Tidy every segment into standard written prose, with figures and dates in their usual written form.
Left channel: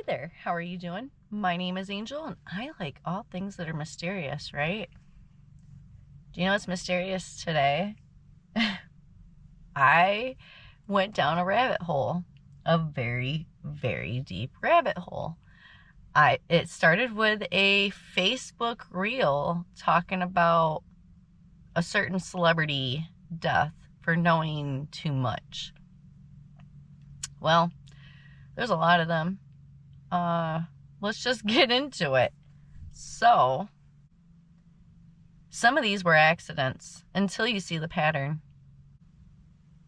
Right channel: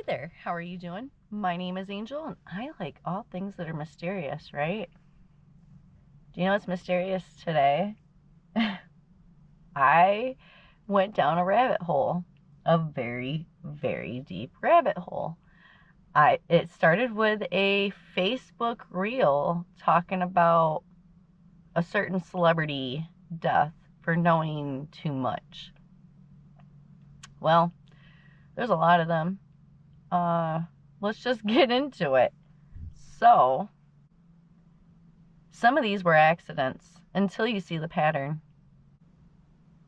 Hey there, how are you doing? My name is Angel, and I like all things that are mysterious, right? Do you know what's mysterious today? I went down a rabbit hole, a very, very deep rabbit hole. It started with a Facebook reel talking about a certain celebrity death for knowing too much. Well, there's a lot of them. Let's just get into it. So, some of these were accidents until you see the pattern.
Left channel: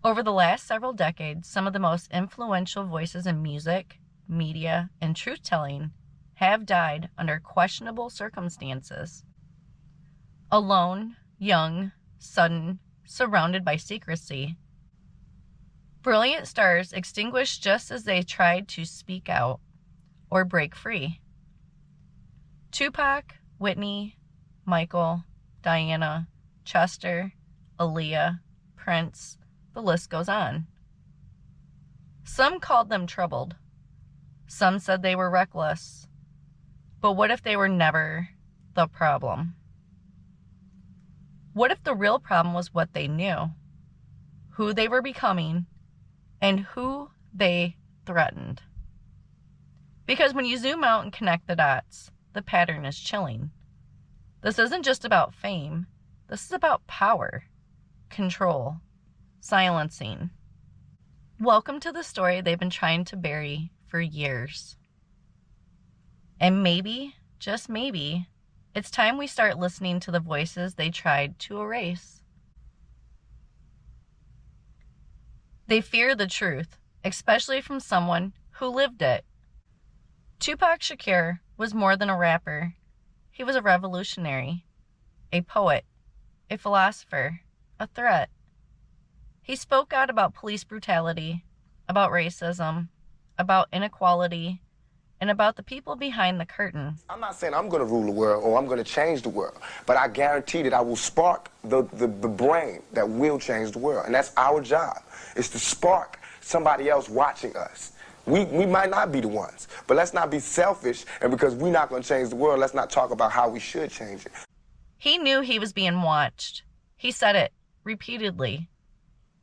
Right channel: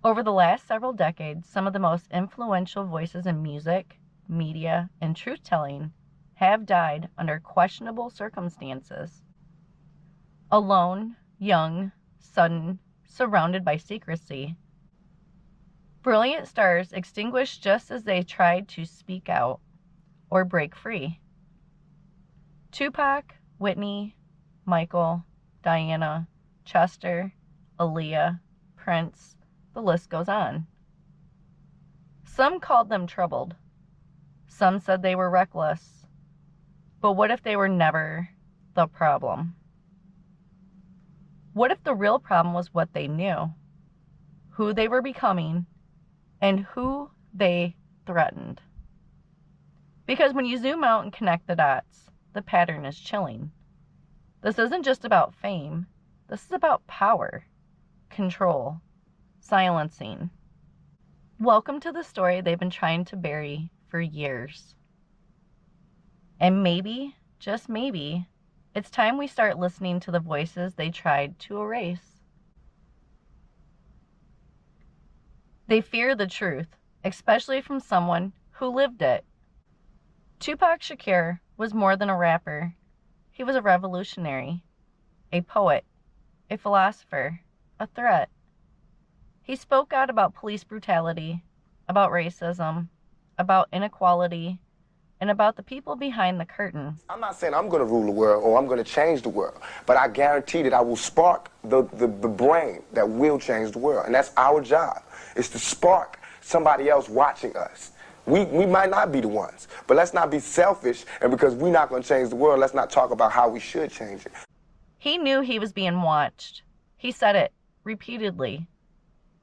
Over the last several decades, some of the most influential voices in music, media, and truth-telling have died under questionable circumstances. Alone, young, sudden, surrounded by secrecy. Brilliant stars extinguished just as they tried to speak out or break free. Tupac, Whitney, Michael, Diana, Chester, Aaliyah, Prince, the list goes on. Some called them troubled. Some said they were reckless. But what if they were never the problem? What if the real problem was what they knew, who they were becoming, and who they threatened? Because when you zoom out and connect the dots, the pattern is chilling. This isn't just about fame. This is about power, control, silencing. Welcome to the story they've been trying to bury for years. And maybe, just maybe, it's time we start listening to the voices they tried to erase. They fear the truth, especially from someone who lived it. Tupac Shakur was more than a rapper. He was a revolutionary, a poet, a philosopher, a threat. He spoke out about police brutality, about racism, about inequality, and about the people behind the curtain. I'm not saying I'm going to rule the world or I'm going to change the world, but I guarantee that I will spark the brain that will change the world. And that's our job, is to spark somebody else watching us. We might not be the ones, but let's not be selfish, and because we're not going to change the world, let's not talk about how we should change it. He knew he was being watched. He said it repeatedly.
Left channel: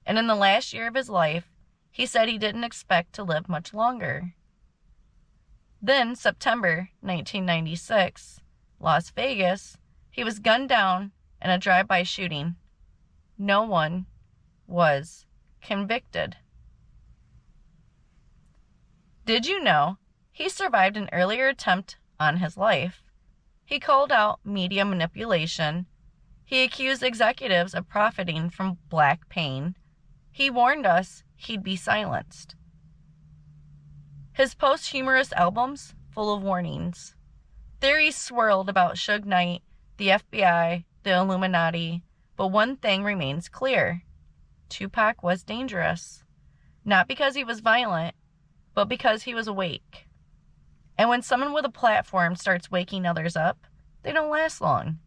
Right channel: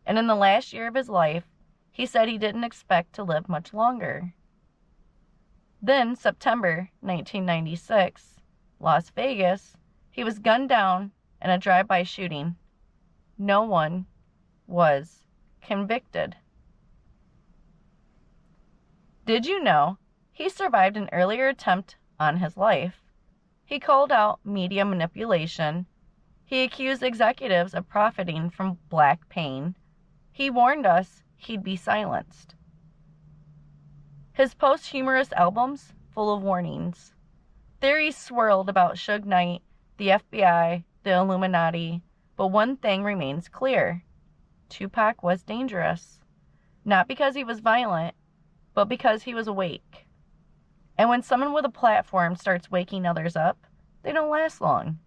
And in the last year of his life, he said he didn't expect to live much longer. Then, September 1996, Las Vegas, he was gunned down in a drive-by shooting. No one was convicted. Did you know he survived an earlier attempt on his life? He called out media manipulation. He accused executives of profiting from black pain. He warned us he'd be silenced. His posthumous albums, full of warnings. Theories swirled about Suge Knight, the FBI, the Illuminati, but one thing remains clear. Tupac was dangerous. Not because he was violent, but because he was awake. And when someone with a platform starts waking others up, they don't last long.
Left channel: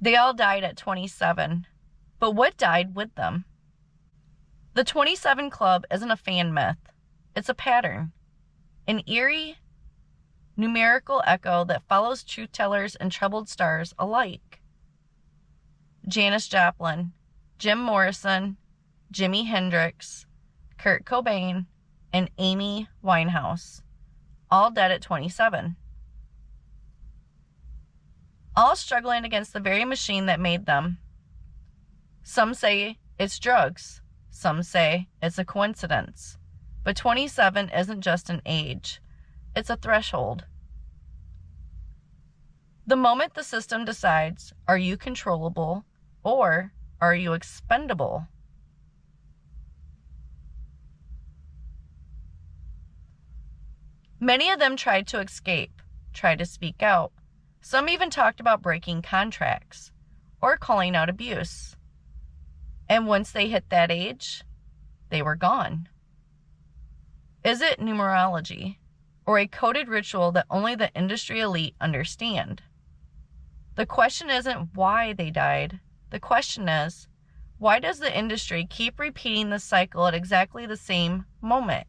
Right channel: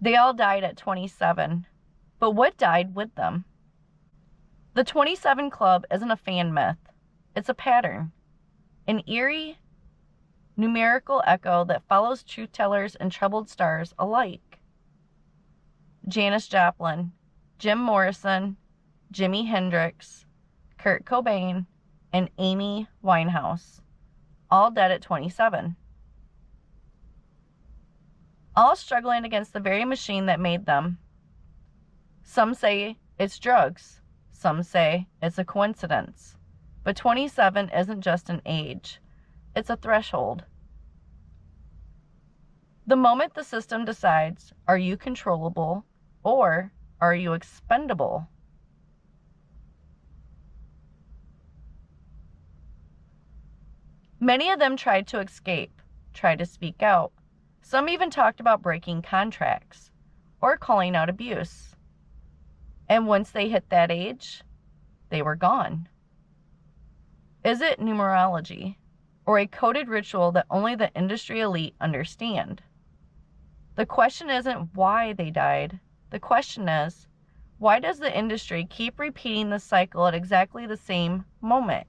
They all died at 27, but what died with them? The 27 Club isn't a fan myth. It's a pattern. An eerie, numerical echo that follows truth-tellers and troubled stars alike. Janis Joplin, Jim Morrison, Jimi Hendrix, Kurt Cobain, and Amy Winehouse, all dead at 27. All struggling against the very machine that made them. Some say it's drugs. Some say it's a coincidence. But 27 isn't just an age. It's a threshold. The moment the system decides, are you controllable or are you expendable? Many of them tried to escape, tried to speak out. Some even talked about breaking contracts or calling out abuse. And once they hit that age, they were gone. Is it numerology or a coded ritual that only the industry elite understand? The question isn't why they died. The question is, why does the industry keep repeating the cycle at exactly the same moment?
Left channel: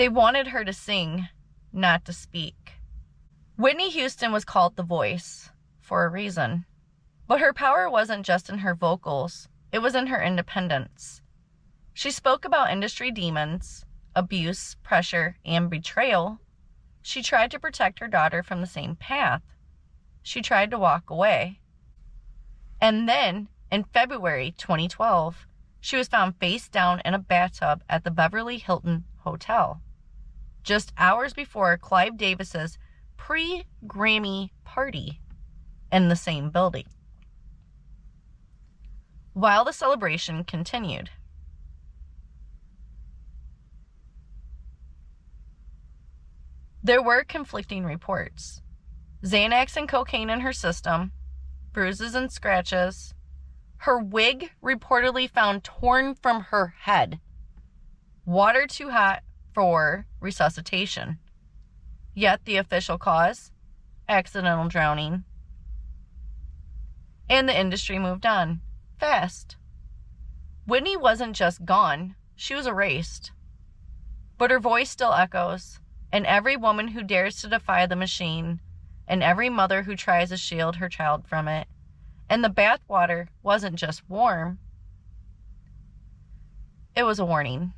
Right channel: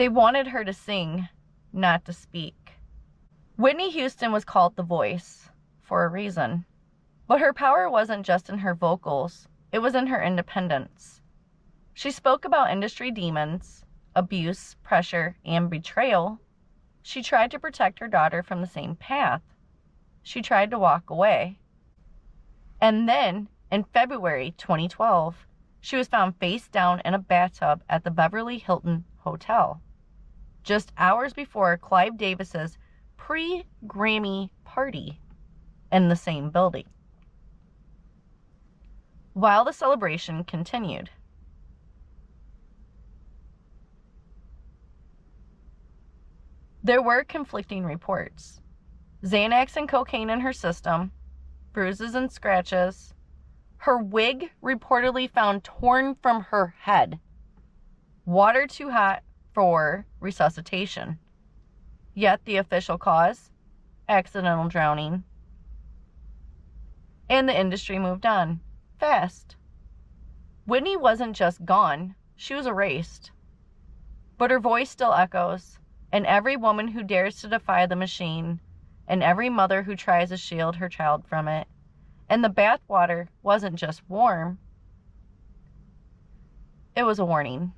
They wanted her to sing, not to speak. Whitney Houston was called the voice for a reason. But her power wasn't just in her vocals, it was in her independence. She spoke about industry demons, abuse, pressure, and betrayal. She tried to protect her daughter from the same path. She tried to walk away. And then, in February 2012, she was found face down in a bathtub at the Beverly Hilton Hotel, just hours before Clive Davis's pre-Grammy party in the same building. While the celebration continued. There were conflicting reports. Xanax and cocaine in her system, bruises and scratches, her wig reportedly found torn from her head, water too hot for resuscitation. Yet the official cause, accidental drowning. And the industry moved on, fast. Whitney wasn't just gone, she was erased. But her voice still echoes, and every woman who dares to defy the machine, and every mother who tries to shield her child from it. And the bathwater wasn't just warm, it was a warning.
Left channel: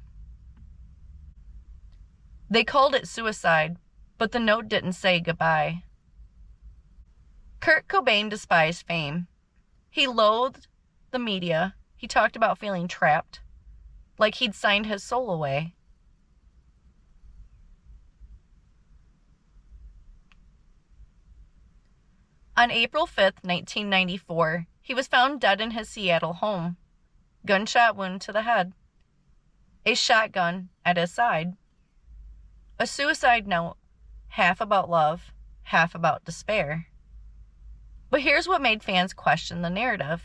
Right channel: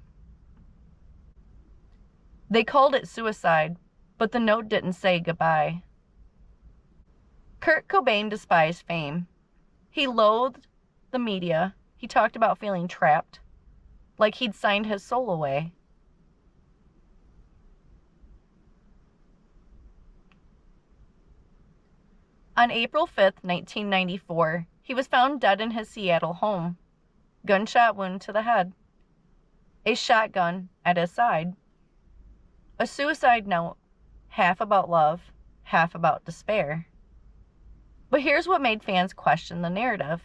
They called it suicide, but the note didn't say goodbye. Kurt Cobain despised fame. He loathed the media. He talked about feeling trapped, like he'd signed his soul away. On April 5th, 1994, he was found dead in his Seattle home. Gunshot wound to the head. A shotgun at his side. A suicide note, half about love, half about despair. But here's what made fans question the narrative.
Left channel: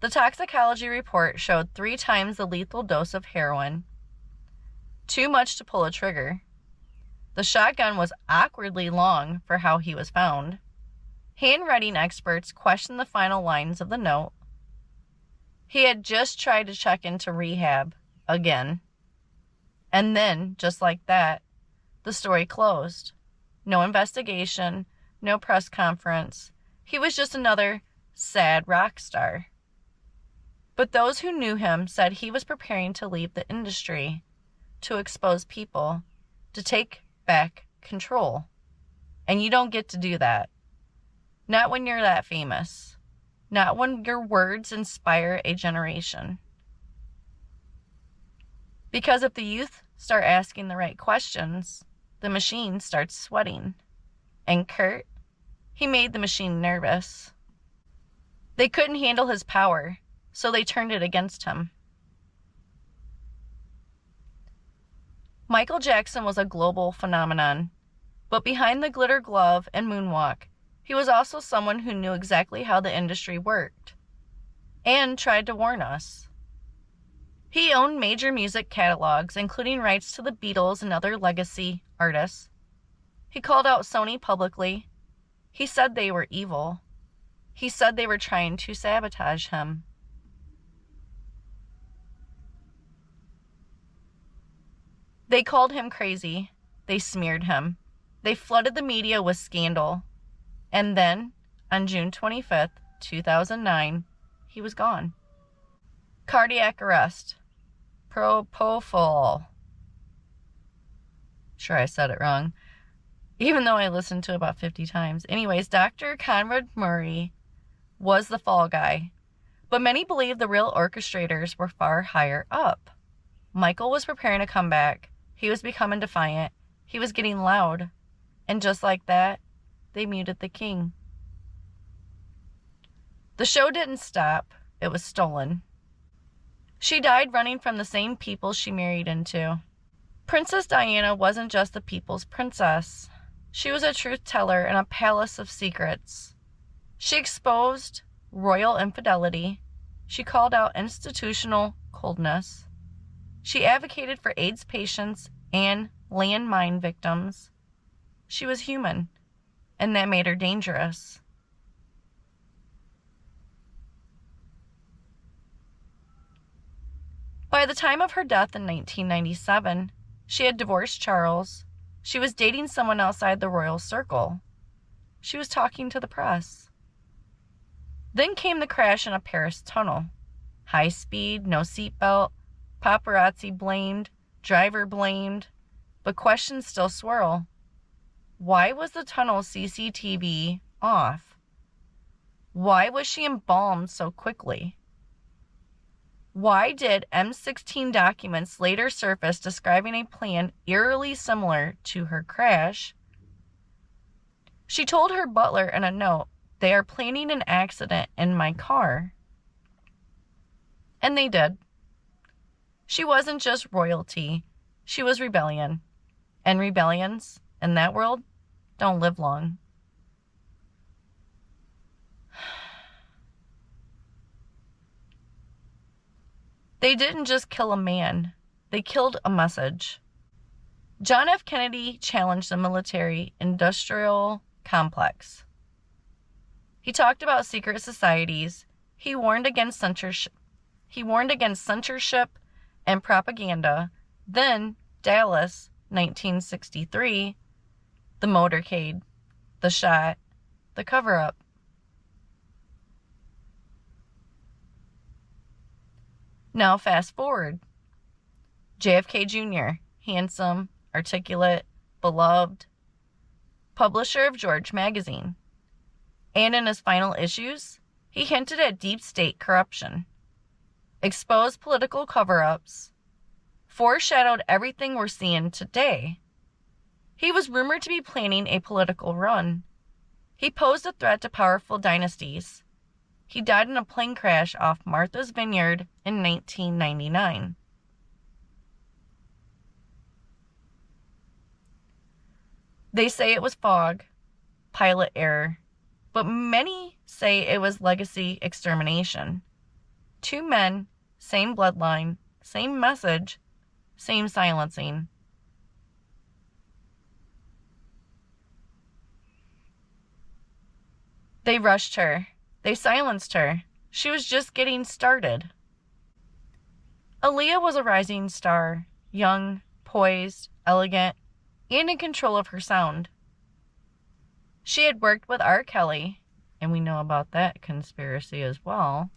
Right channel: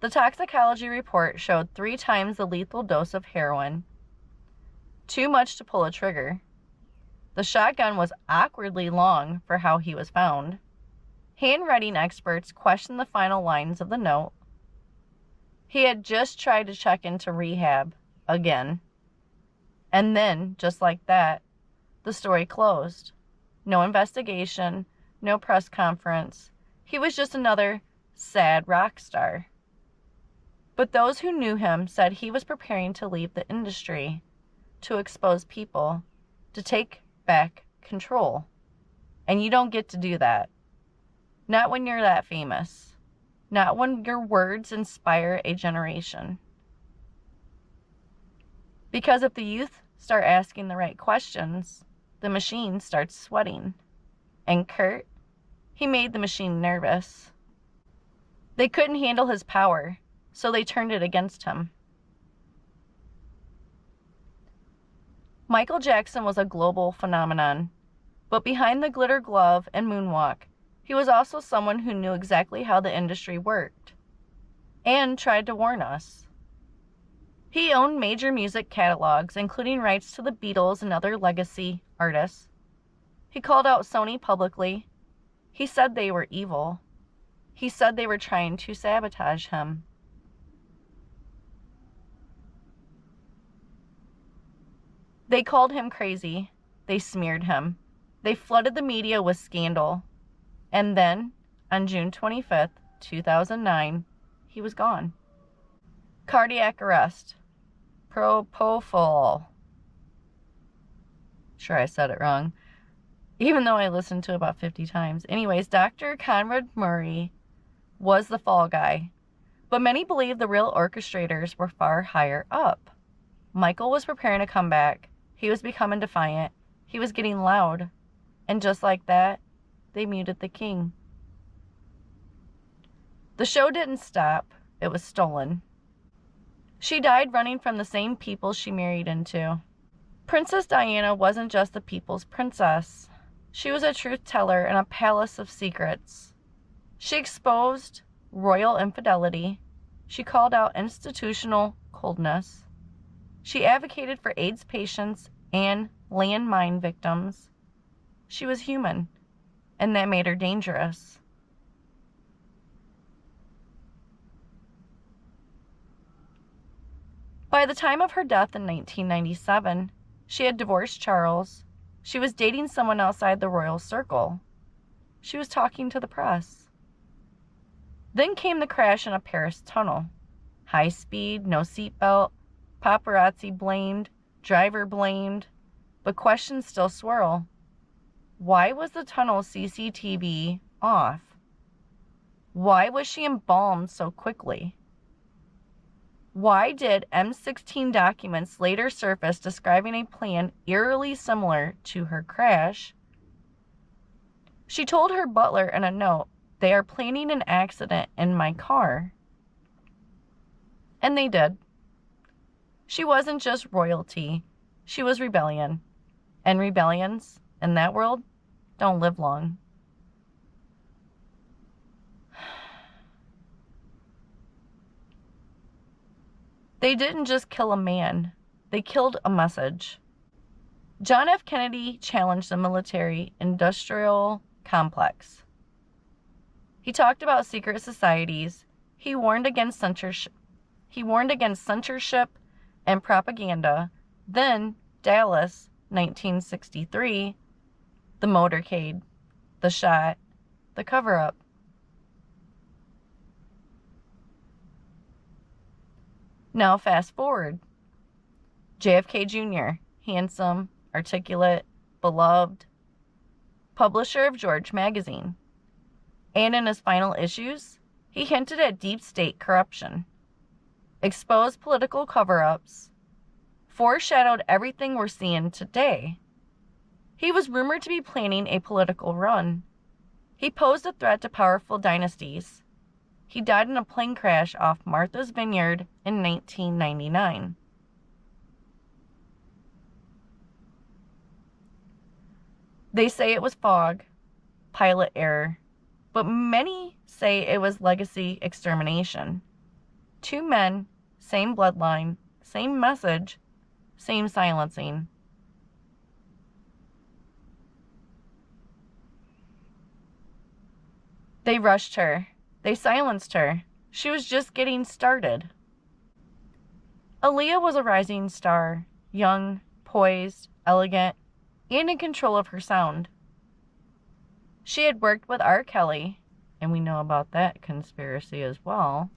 The toxicology report showed 3 times the lethal dose of heroin. Too much to pull a trigger. The shotgun was awkwardly long for how he was found. Handwriting experts questioned the final lines of the note. He had just tried to check into rehab again. And then, just like that, the story closed. No investigation, no press conference. He was just another sad rock star. But those who knew him said he was preparing to leave the industry, to expose people, to take back control. And you don't get to do that. Not when you're that famous. Not when your words inspire a generation. Because if the youth start asking the right questions, the machine starts sweating. And Kurt, he made the machine nervous. They couldn't handle his power, so they turned it against him. Michael Jackson was a global phenomenon, but behind the glitter glove and moonwalk, he was also someone who knew exactly how the industry worked, and tried to warn us. He owned major music catalogs, including rights to the Beatles and other legacy artists. He called out Sony publicly. He said they were evil. He said they were trying to sabotage him. They called him crazy. They smeared him. They flooded the media with scandal. And then, on June 25th, 2009, he was gone. Cardiac arrest. Propofol. Sure, I said it wrong, even though I listened to it about 50 times. Anyways, Dr. Conrad Murray was the fall guy, but many believe the real orchestrators were far higher up. Michael was preparing to come back. He was becoming defiant. He was getting loud. And just like that, they muted the king. The show didn't stop. It was stolen. She died running from the same people she married into. Princess Diana wasn't just the people's princess. She was a truth teller in a palace of secrets. She exposed royal infidelity. She called out institutional coldness. She advocated for AIDS patients and landmine victims. She was human, and that made her dangerous. By the time of her death in 1997, She had divorced Charles. She was dating someone outside the royal circle. She was talking to the press. Then came the crash in a Paris tunnel. High speed, no seatbelt, paparazzi blamed, driver blamed, but questions still swirl. Why was the tunnel CCTV off? Why was she embalmed so quickly? Why did M16 documents later surface describing a plan eerily similar to her crash? She told her butler in a note, "They are planning an accident in my car." And they did. She wasn't just royalty, she was rebellion. And rebellions, in that world, don't live long. They didn't just kill a man, they killed a message. John F. Kennedy challenged the military-industrial complex. He talked about secret societies. He warned against censorship and propaganda. Then, Dallas, 1963, the motorcade, the shot, the cover-up. Now fast forward. JFK Jr., handsome, articulate, beloved, publisher of George magazine. And in his final issues, he hinted at deep state corruption, exposed political cover-ups, foreshadowed everything we're seeing today. He was rumored to be planning a political run. He posed a threat to powerful dynasties. He died in a plane crash off Martha's Vineyard in 1999. They say it was fog, pilot error, but many say it was legacy extermination. Two men, same bloodline, same message, same silencing. They rushed her. They silenced her. She was just getting started. Aaliyah was a rising star, young, poised, elegant, and in control of her sound. She had worked with R. Kelly, and we know about that conspiracy as well,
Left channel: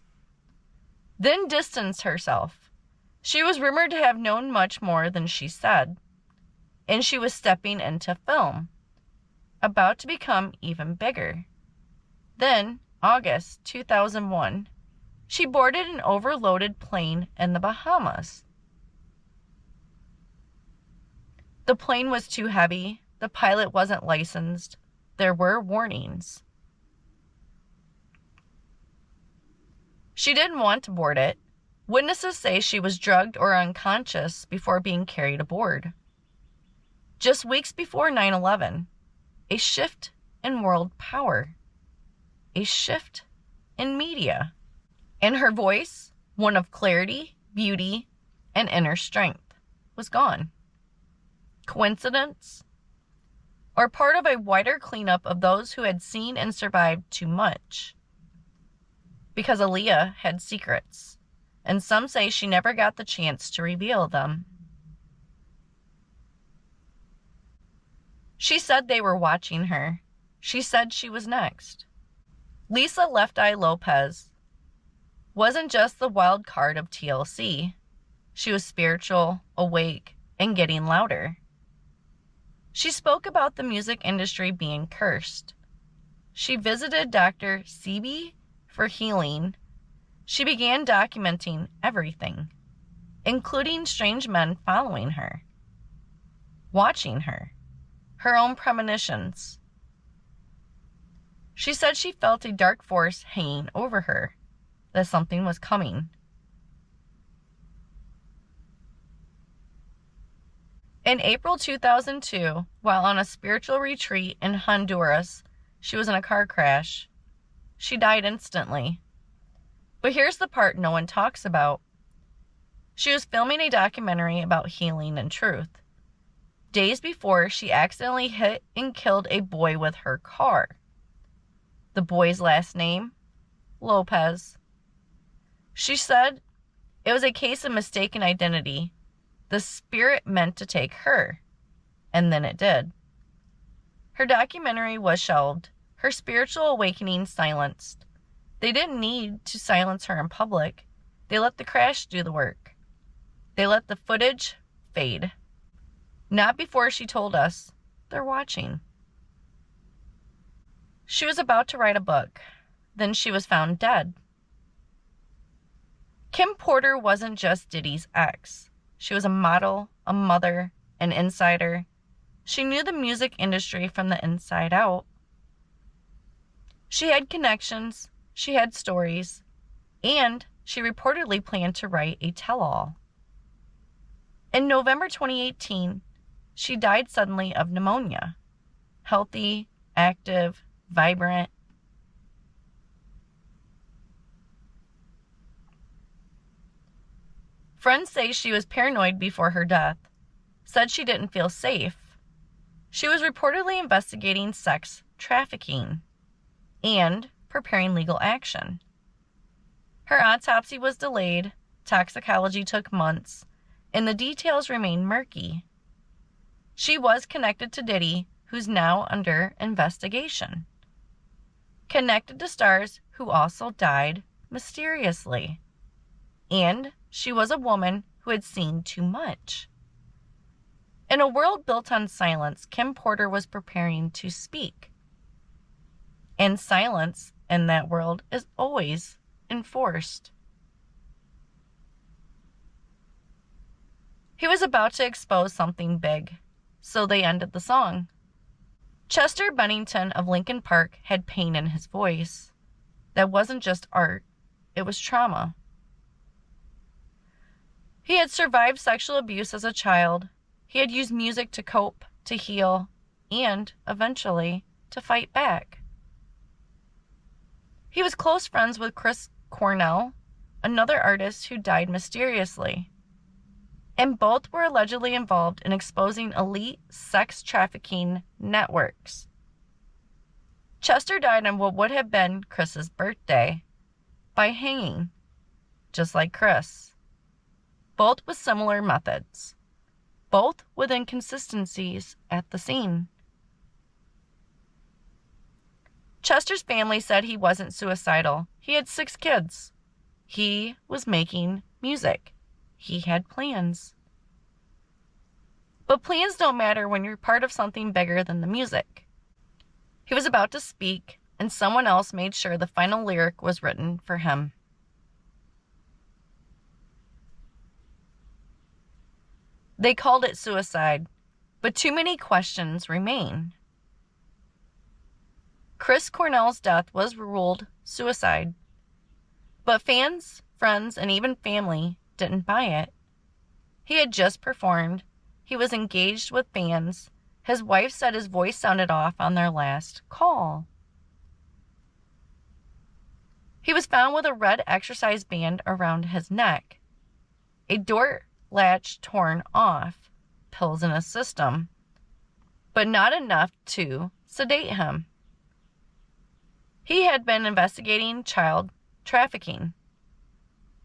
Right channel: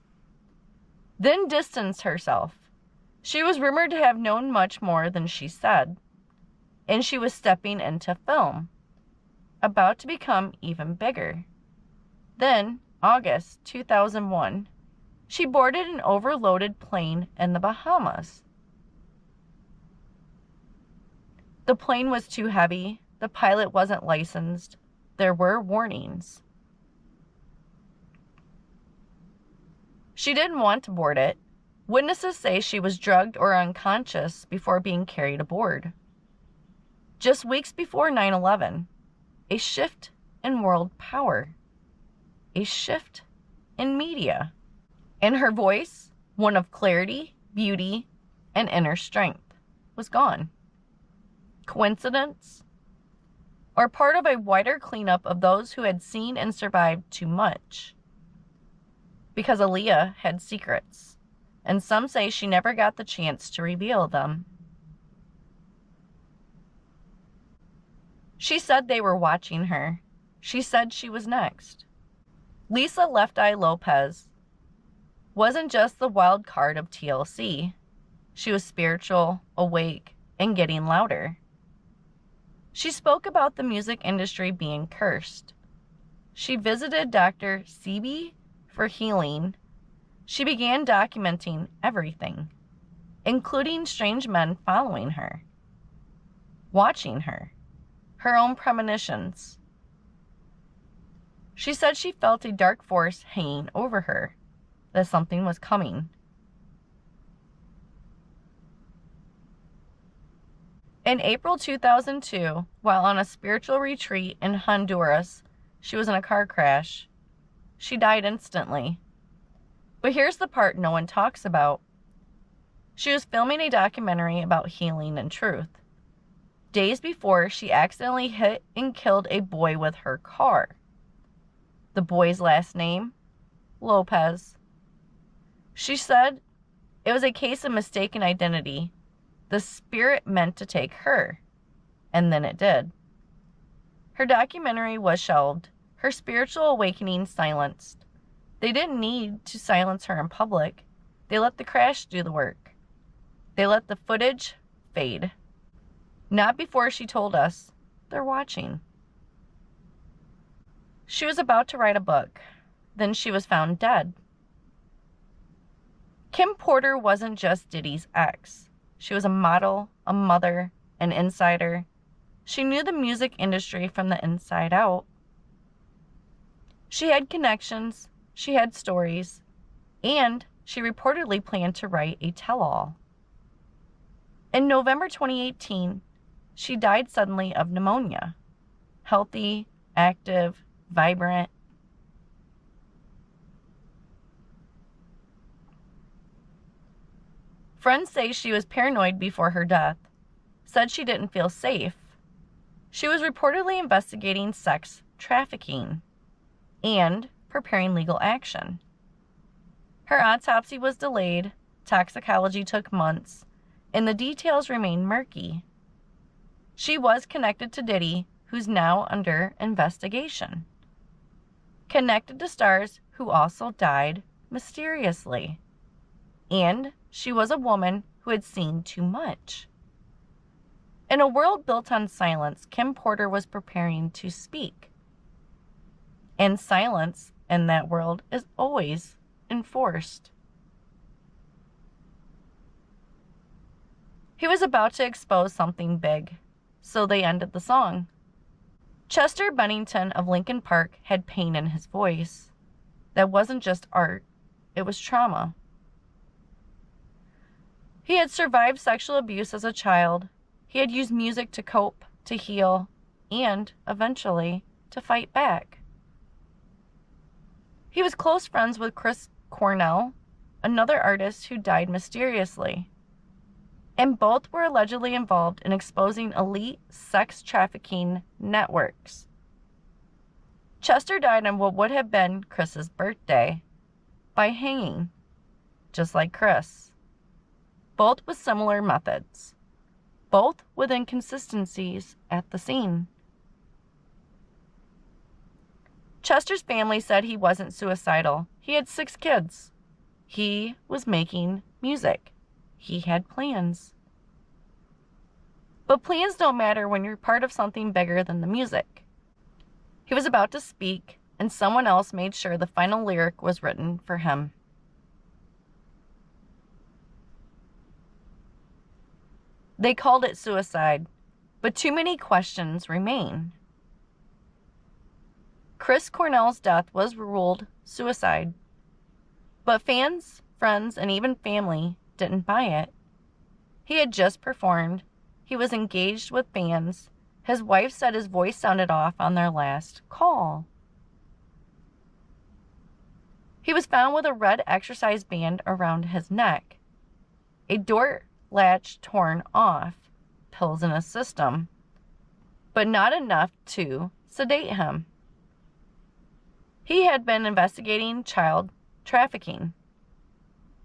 then distanced herself. She was rumored to have known much more than she said, and she was stepping into film, about to become even bigger. Then, August 2001, she boarded an overloaded plane in the Bahamas. The plane was too heavy, the pilot wasn't licensed, there were warnings. She didn't want to board it. Witnesses say she was drugged or unconscious before being carried aboard. Just weeks before 9/11, a shift in world power. A shift in media. And her voice, one of clarity, beauty, and inner strength, was gone. Coincidence? Or part of a wider cleanup of those who had seen and survived too much? Because Aaliyah had secrets, and some say she never got the chance to reveal them. She said they were watching her. She said she was next. Lisa Left Eye Lopez wasn't just the wild card of TLC. She was spiritual, awake, and getting louder. She spoke about the music industry being cursed. She visited Dr. Sebi for healing. She began documenting everything, including strange men following her, watching her, her own premonitions. She said she felt a dark force hanging over her, that something was coming. In April 2002, while on a spiritual retreat in Honduras, she was in a car crash. She died instantly. But here's the part no one talks about. She was filming a documentary about healing and truth. Days before, she accidentally hit and killed a boy with her car. The boy's last name? Lopez. She said it was a case of mistaken identity. The spirit meant to take her, and then it did. Her documentary was shelved, her spiritual awakening silenced. They didn't need to silence her in public. They let the crash do the work. They let the footage fade. Not before she told us they're watching. She was about to write a book. Then she was found dead. Kim Porter wasn't just Diddy's ex. She was a model, a mother, an insider. She knew the music industry from the inside out. She had connections, she had stories, and she reportedly planned to write a tell-all. In November 2018, she died suddenly of pneumonia. Healthy, active, vibrant. Friends say she was paranoid before her death, said she didn't feel safe. She was reportedly investigating sex trafficking and preparing legal action. Her autopsy was delayed, toxicology took months, and the details remain murky. She was connected to Diddy, who's now under investigation. Connected to stars who also died mysteriously. And she was a woman who had seen too much. In a world built on silence, Kim Porter was preparing to speak. And silence in that world is always enforced. He was about to expose something big, so they ended the song. Chester Bennington of Linkin Park had pain in his voice. That wasn't just art, it was trauma. He had survived sexual abuse as a child. He had used music to cope, to heal, and, eventually, to fight back. He was close friends with Chris Cornell, another artist who died mysteriously. And both were allegedly involved in exposing elite sex trafficking networks. Chester died on what would have been Chris's birthday, by hanging, just like Chris. Both with similar methods. Both with inconsistencies at the scene. Chester's family said he wasn't suicidal. He had 6 kids. He was making music. He had plans. But plans don't matter when you're part of something bigger than the music. He was about to speak, and someone else made sure the final lyric was written for him. They called it suicide, but too many questions remain. Chris Cornell's death was ruled suicide, but fans, friends, and even family didn't buy it. He had just performed. He was engaged with fans. His wife said his voice sounded off on their last call. He was found with a red exercise band around his neck, a door latch torn off, pills in his system, but not enough to sedate him. He had been investigating child trafficking.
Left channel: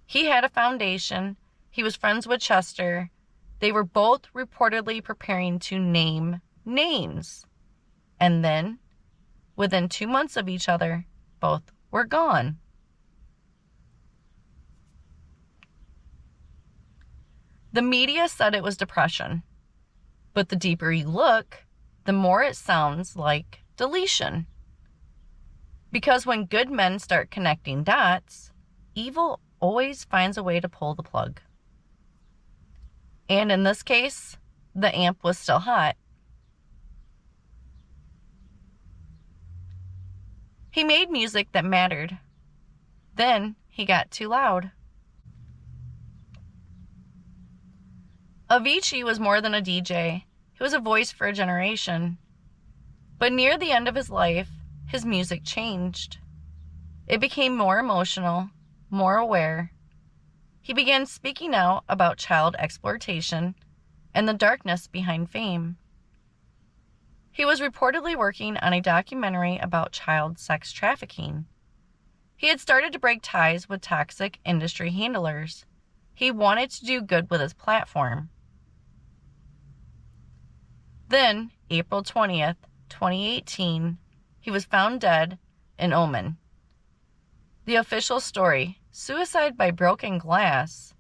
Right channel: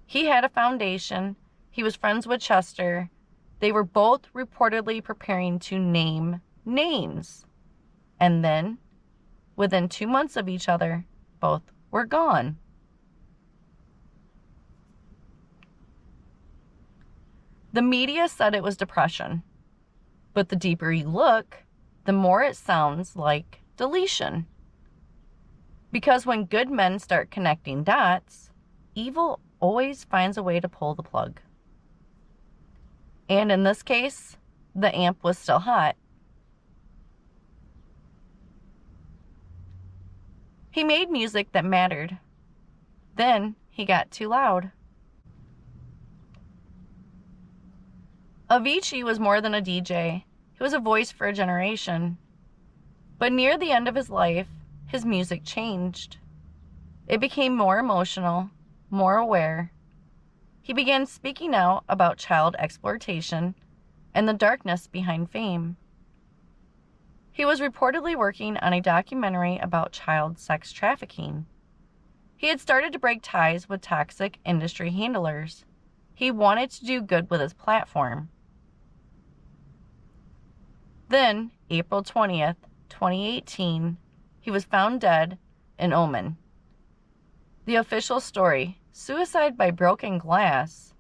He had a foundation. He was friends with Chester. They were both reportedly preparing to name names. And then, within 2 months of each other, both were gone. The media said it was depression. But the deeper you look, the more it sounds like deletion. Because when good men start connecting dots, evil always finds a way to pull the plug. And in this case, the amp was still hot. He made music that mattered. Then he got too loud. Avicii was more than a DJ. He was a voice for a generation. But near the end of his life, his music changed. It became more emotional, more aware. He began speaking out about child exploitation and the darkness behind fame. He was reportedly working on a documentary about child sex trafficking. He had started to break ties with toxic industry handlers. He wanted to do good with his platform. Then, April 20th, 2018, he was found dead in Oman. The official story, suicide by broken glass.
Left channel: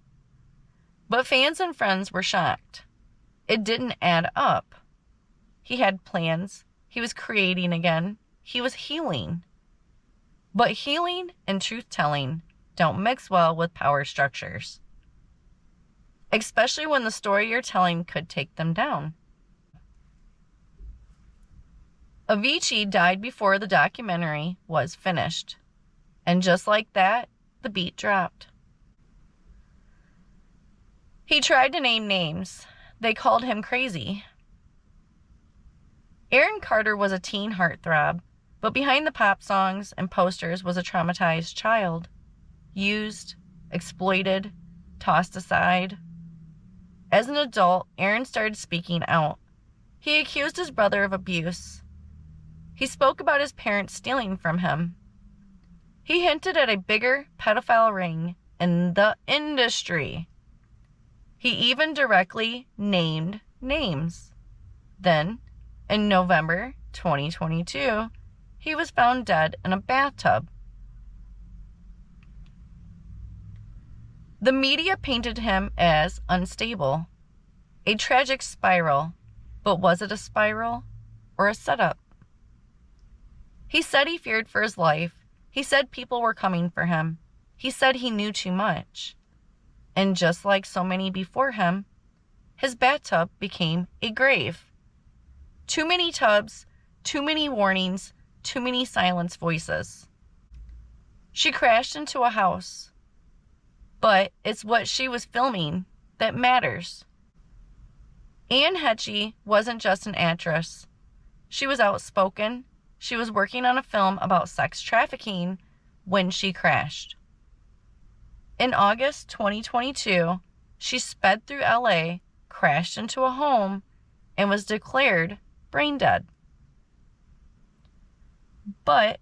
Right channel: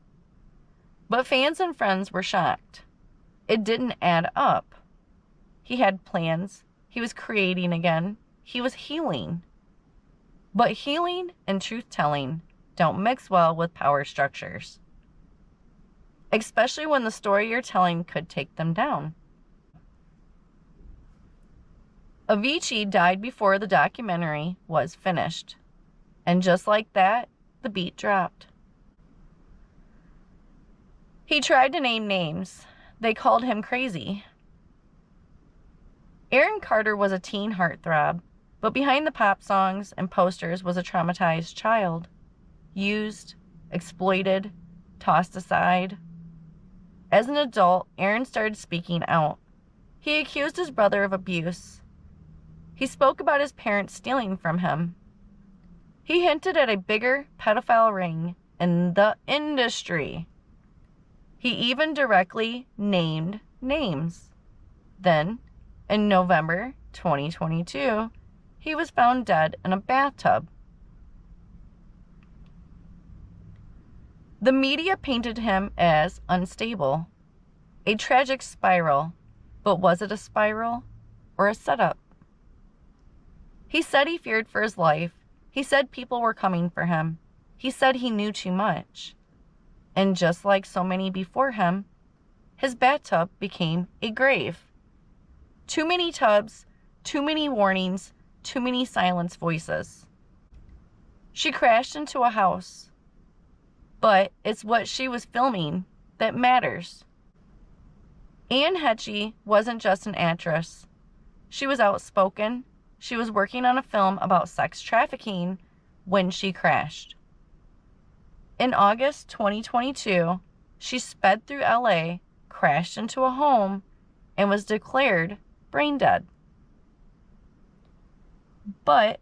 But fans and friends were shocked. It didn't add up. He had plans. He was creating again. He was healing. But healing and truth-telling don't mix well with power structures, especially when the story you're telling could take them down. Avicii died before the documentary was finished. And just like that, the beat dropped. He tried to name names. They called him crazy. Aaron Carter was a teen heartthrob, but behind the pop songs and posters was a traumatized child. Used, exploited, tossed aside. As an adult, Aaron started speaking out. He accused his brother of abuse. He spoke about his parents stealing from him. He hinted at a bigger pedophile ring in the industry. He even directly named names. Then, in November 2022, he was found dead in a bathtub. The media painted him as unstable, a tragic spiral, but was it a spiral or a setup? He said he feared for his life. He said people were coming for him. He said he knew too much. And just like so many before him, his bathtub became a grave. Too many tubs, too many warnings, too many silenced voices. She crashed into a house. But it's what she was filming that matters. Anne Heche wasn't just an actress. She was outspoken. She was working on a film about sex trafficking when she crashed. In August 2022, she sped through LA, crashed into a home, and was declared brain dead. But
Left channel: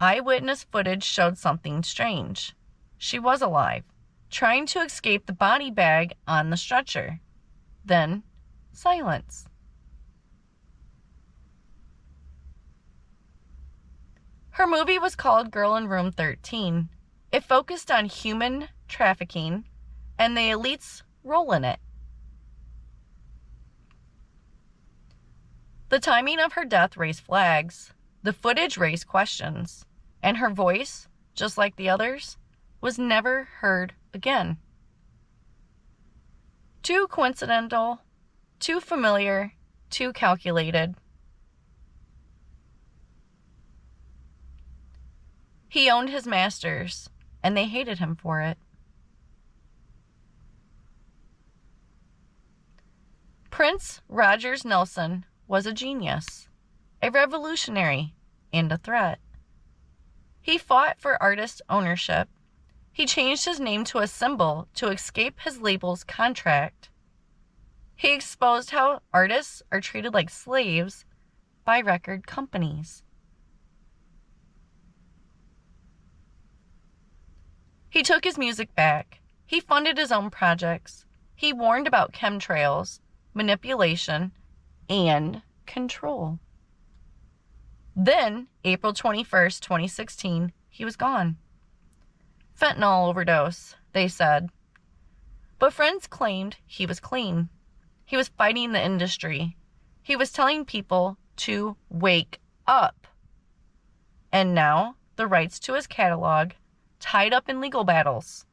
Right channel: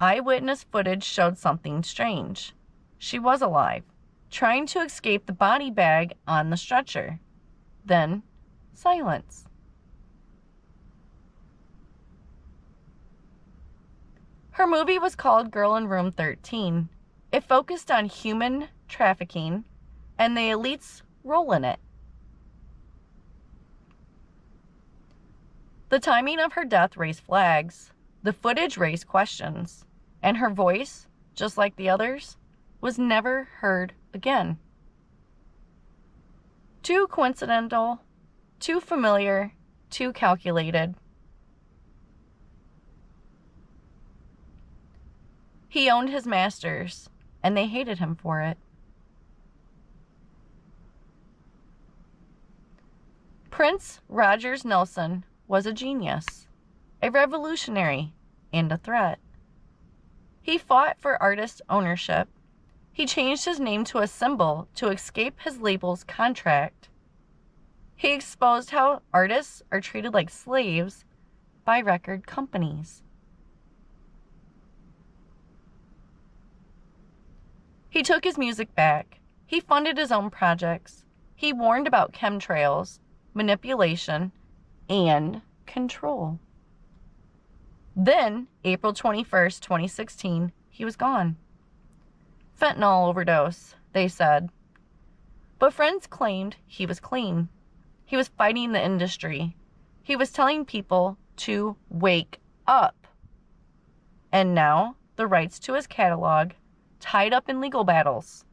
eyewitness footage showed something strange. She was alive, trying to escape the body bag on the stretcher. Then, silence. Her movie was called Girl in Room 13. It focused on human trafficking and the elite's role in it. The timing of her death raised flags. The footage raised questions. And her voice, just like the others, was never heard again. Too coincidental, too familiar, too calculated. He owned his masters, and they hated him for it. Prince Rogers Nelson was a genius, a revolutionary, and a threat. He fought for artist ownership. He changed his name to a symbol to escape his label's contract. He exposed how artists are treated like slaves by record companies. He took his music back. He funded his own projects. He warned about chemtrails, manipulation, and control. Then, April 21st, 2016, he was gone. Fentanyl overdose, they said. But friends claimed he was clean. He was fighting the industry. He was telling people to wake up. And now, the rights to his catalog tied up in legal battles.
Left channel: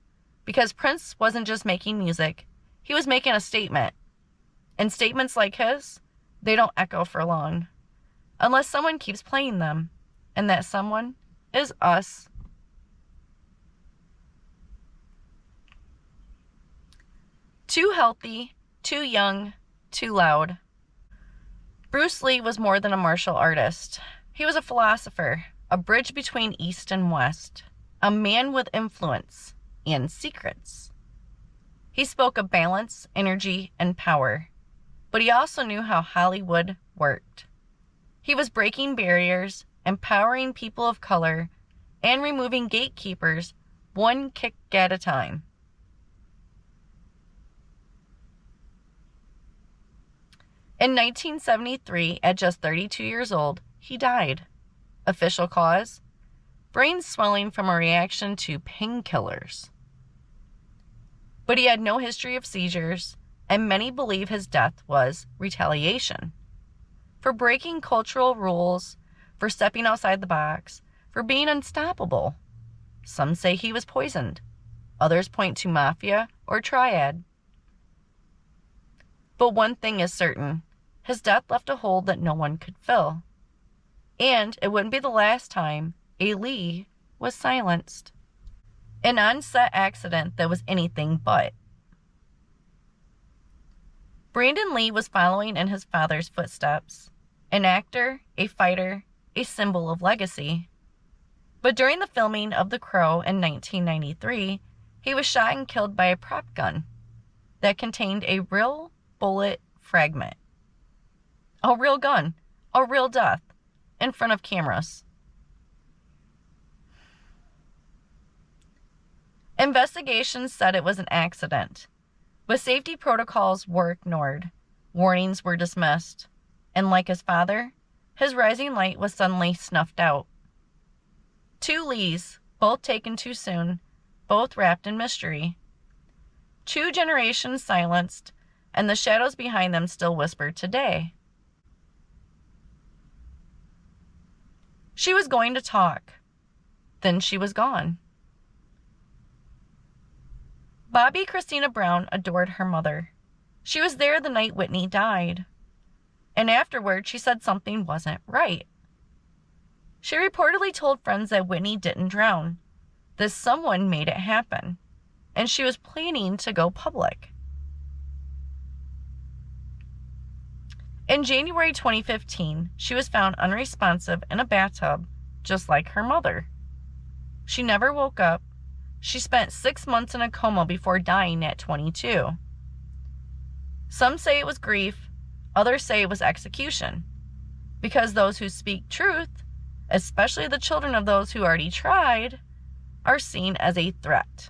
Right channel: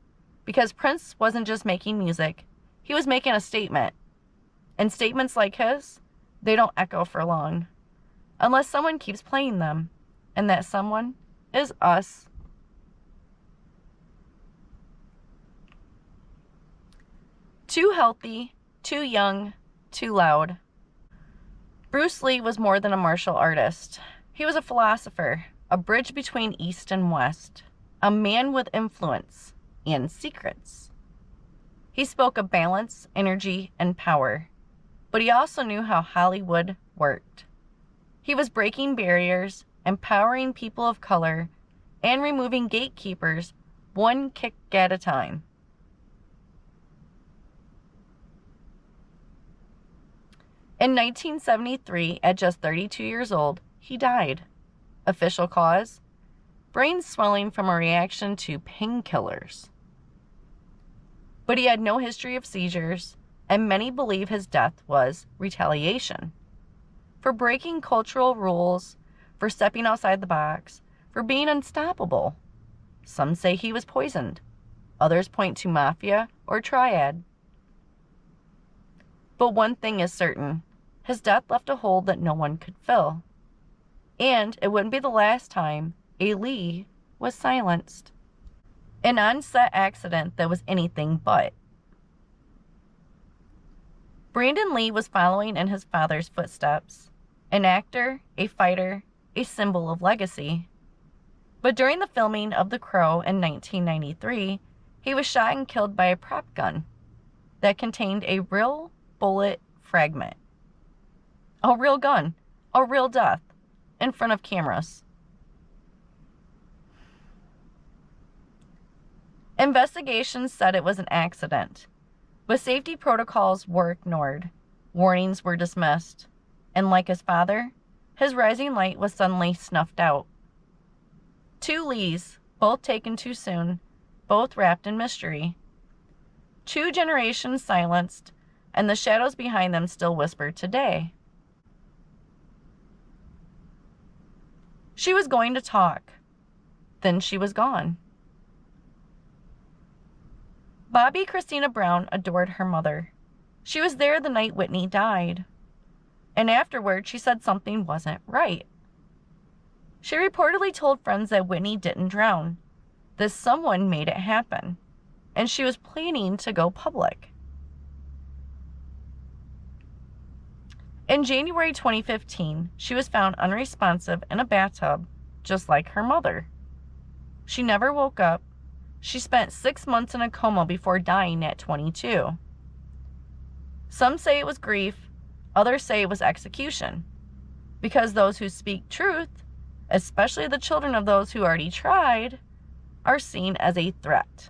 Because Prince wasn't just making music, he was making a statement. And statements like his, they don't echo for long. Unless someone keeps playing them. And that someone is us. Too healthy, too young, too loud. Bruce Lee was more than a martial artist. He was a philosopher, a bridge between East and West, a man with influence and secrets. He spoke of balance, energy, and power, but he also knew how Hollywood worked. He was breaking barriers, empowering people of color, and removing gatekeepers one kick at a time. In 1973, at just 32 years old, he died. Official cause? Brain swelling from a reaction to painkillers. But he had no history of seizures, and many believe his death was retaliation. For breaking cultural rules, for stepping outside the box, for being unstoppable. Some say he was poisoned. Others point to mafia or triad. But one thing is certain. His death left a hole that no one could fill. And it wouldn't be the last time a Lee was silenced. An on-set accident that was anything but. Brandon Lee was following in his father's footsteps. An actor, a fighter, a symbol of legacy. But during the filming of The Crow in 1993, he was shot and killed by a prop gun that contained a real bullet fragment. A real gun, a real death, in front of cameras. Investigations said it was an accident, but safety protocols were ignored. Warnings were dismissed, and like his father, his rising light was suddenly snuffed out. 2 Lees, both taken too soon, both wrapped in mystery. 2 generations silenced, and the shadows behind them still whisper today. She was going to talk. Then she was gone. Bobby Christina Brown adored her mother. She was there the night Whitney died. And afterward, she said something wasn't right. She reportedly told friends that Whitney didn't drown, that someone made it happen, and she was planning to go public. In January 2015, she was found unresponsive in a bathtub, just like her mother. She never woke up. She spent 6 months in a coma before dying at 22. Some say it was grief, others say it was execution, because those who speak truth, especially the children of those who already tried, are seen as a threat.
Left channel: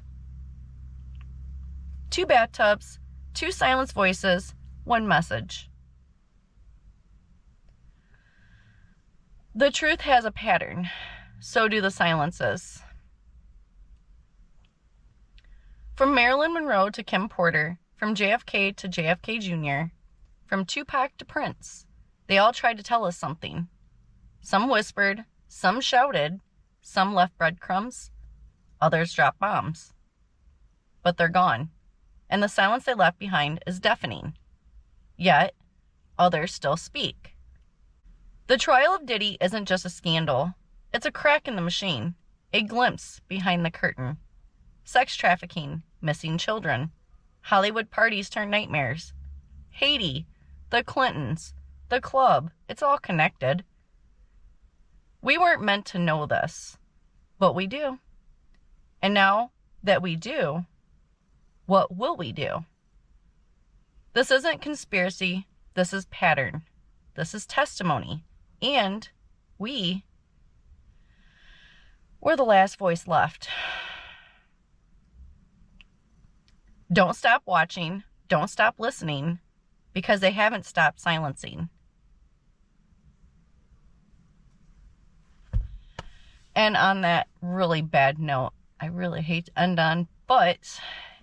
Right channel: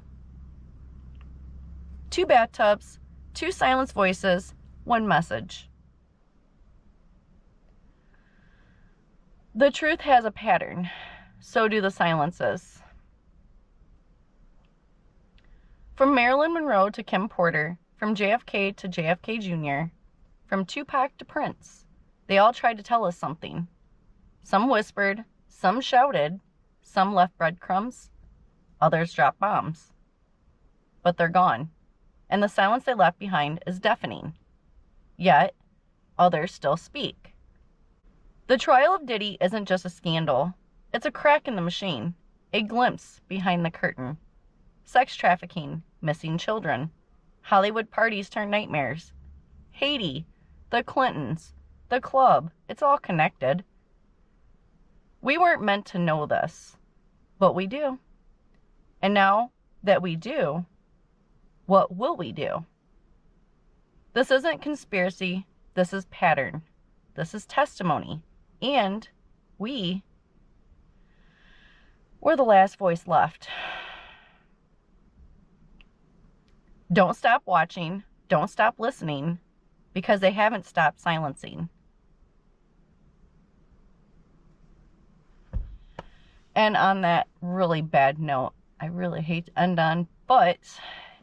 2 bathtubs, 2 silenced voices, 1 message. The truth has a pattern, so do the silences. From Marilyn Monroe to Kim Porter, from JFK to JFK Jr., from Tupac to Prince, they all tried to tell us something. Some whispered, some shouted, some left breadcrumbs, others dropped bombs. But they're gone, and the silence they left behind is deafening. Yet, others still speak. The trial of Diddy isn't just a scandal. It's a crack in the machine, a glimpse behind the curtain. Sex trafficking, missing children, Hollywood parties turn nightmares. Haiti, the Clintons, the club, it's all connected. We weren't meant to know this, but we do. And now that we do, what will we do? This isn't conspiracy, this is pattern. This is testimony. And we're the last voice left. Don't stop watching. Don't stop listening, because they haven't stopped silencing. And on that really bad note, I really hate to end on, but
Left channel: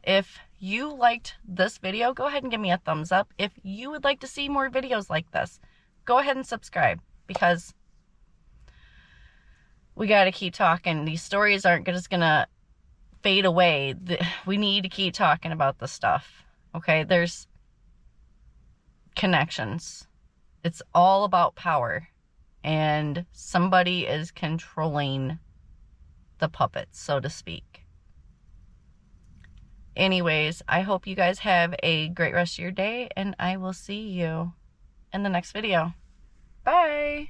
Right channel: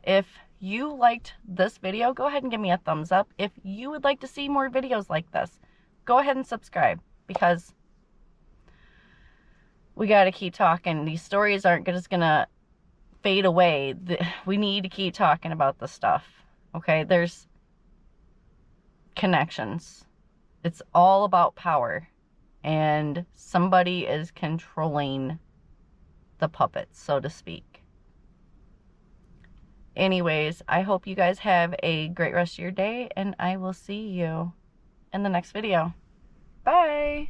if you liked this video, go ahead and give me a thumbs up. If you would like to see more videos like this, go ahead and subscribe, because we got to keep talking. These stories aren't just going to fade away. We need to keep talking about this stuff. Okay, there's connections. It's all about power. And somebody is controlling the puppets, so to speak. Anyways, I hope you guys have a great rest of your day, and I will see you in the next video. Bye!